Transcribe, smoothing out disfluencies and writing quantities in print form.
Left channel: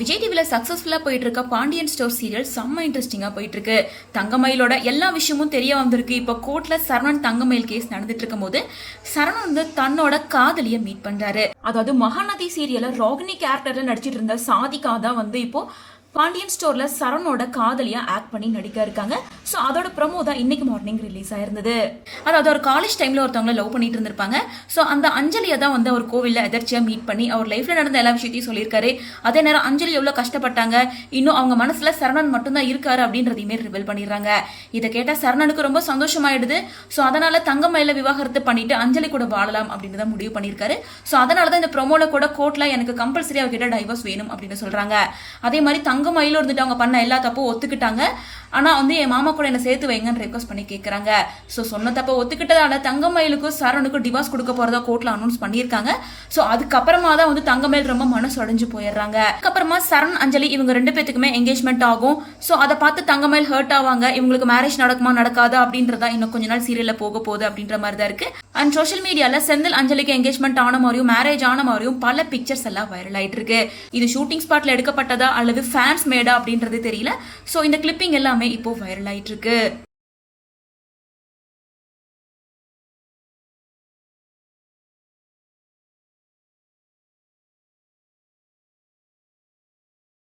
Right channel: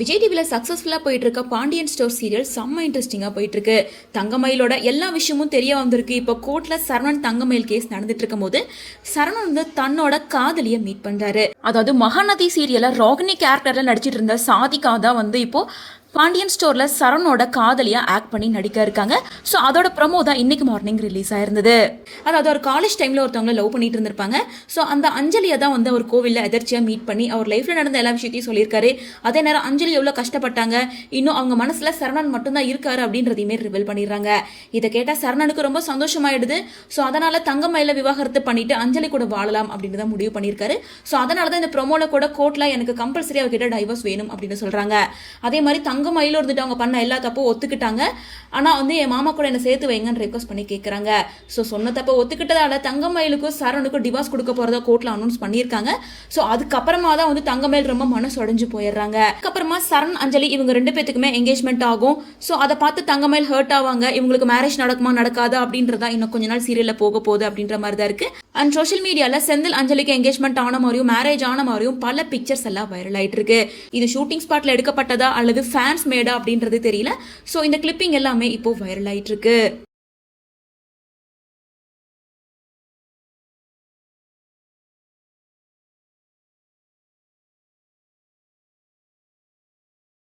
விஜய் டிவில சக்சஸ்ஃபுல்லா போயிட்டு இருக்க பாண்டியன் ஸ்டோர் சீரியல் செம்ம இன்ட்ரெஸ்டிங்கா போயிட்டு இருக்கு. தங்கமயிலோட எல்லா விஷயமும் தெரிய வந்திருக்கு. இப்போ கோர்ட்ல சரவணன் தங்கமயில் கேஸ் நடந்துட்டு இருக்கும் போது சரவணன் வந்து தன்னோட காதலிய மீட் பண்றாரு. அதாவது மகாநதி சீரியல்ல ரோகிணி கேரக்டர்ல நடிச்சிட்டு இருந்த சாதிகா தான் வந்து இப்போ பாண்டியன் ஸ்டோர்ல சரவணோட காதலியா ஆக்ட் பண்ணி நடிக்க இருக்காங்க. ஸோ அதோட ப்ரமோ தான் இன்னைக்கு மார்னிங் ரிலீஸ் ஆயிருந்தது. அதாவது ஒரு காலேஜ் டைம்ல ஒருத்தவங்கள லவ் பண்ணிட்டு இருந்திருப்பாங்க. ஸோ அந்த அஞ்சலியை தான் வந்து அவர் கோவில்ல எதர்ச்சியா மீட் பண்ணி அவர் லைஃப்ல நடந்த எல்லா விஷயத்தையும் சொல்லியிருக்காரு. அதே நேரம் அஞ்சலி எவ்வளவு கஷ்டப்பட்டாங்க, இன்னும் அவங்க மனசுல சரவணன் மட்டும்தான் இருக்காரு அப்படின்றதையுமே ரிவீல் பண்ணிடுறாங்க. இதை கேட்டா சரவணனுக்கு ரொம்ப சந்தோஷமாயிடுது. ஸோ அதனால தங்கமயில விவாகரத்து பண்ணிட்டு அஞ்சலி கூட வாழலாம் அப்படின்னு தான் முடிவு பண்ணியிருக்காரு. ஸோ அதனால தான் இந்த ப்ரொமோல கூட கோர்ட்ல எனக்கு கம்பல்சரி அவர்கிட்ட டைவர்ஸ் வேணும் அப்படின்னு சொல்றாங்க. அதே மாதிரி தங்கமயிலும் இருந்துட்டு அவங்க பண்ண எல்லா தப்பும் ஒத்துக்கிட்டாங்க. ஆனா வந்து என் மாமா கூட என்ன சேர்த்து வைங்கன்னு ரெக்வஸ்ட் பண்ணி கேட்கறாங்க. ஸோ சொன்ன தப்ப ஒத்துக்கிட்டதால தங்கமயிலுக்கும் சரவணுக்கும் டிவோர்ஸ் கொடுக்க போறதா கோர்ட்ல அனௌன்ஸ் பண்ணியிருக்காங்க. ஸோ அதுக்கப்புறமா தான் வந்து தங்கமயில் ரொம்ப மனசு உடைஞ்சு போயிடுறாங்க. அதுக்கப்புறமா சரண் அஞ்சலி இவங்க ரெண்டு பேத்துக்குமே என்கேஜ்மெண்ட் ஆகும். ஸோ அதை பார்த்து தங்கமயில் ஹர்ட் ஆவாங்க. இவங்களுக்கு மேரேஜ் நடக்குமா நடக்காதா அப்படின்றதா இன்னும் கொஞ்ச நாள் சீரியல்ல போக போகுது அப்படின்ற மாதிரி தான் இருக்கு. அண்ட் சோஷியல் மீடியால செந்தில் அஞ்சலிக்கு என்கேஜ்மெண்ட் ஆன மாதிரியும் மேரேஜ் ஆன மாதிரியும் பல பிக்சர்ஸ் எல்லாம் வைரல் ஆயிட்டு இருக்கு. இது ஷூட்டிங் ஸ்பாட்ல எடுக்கப்பட்டதா அல்லது ஃபேன்ஸ் மேடா அப்படின்றது தெரியல. ஸோ இந்த கிளிப்பிங் எல்லாமே இப்போ வைரல் ஆயிட்டு இருக்கு.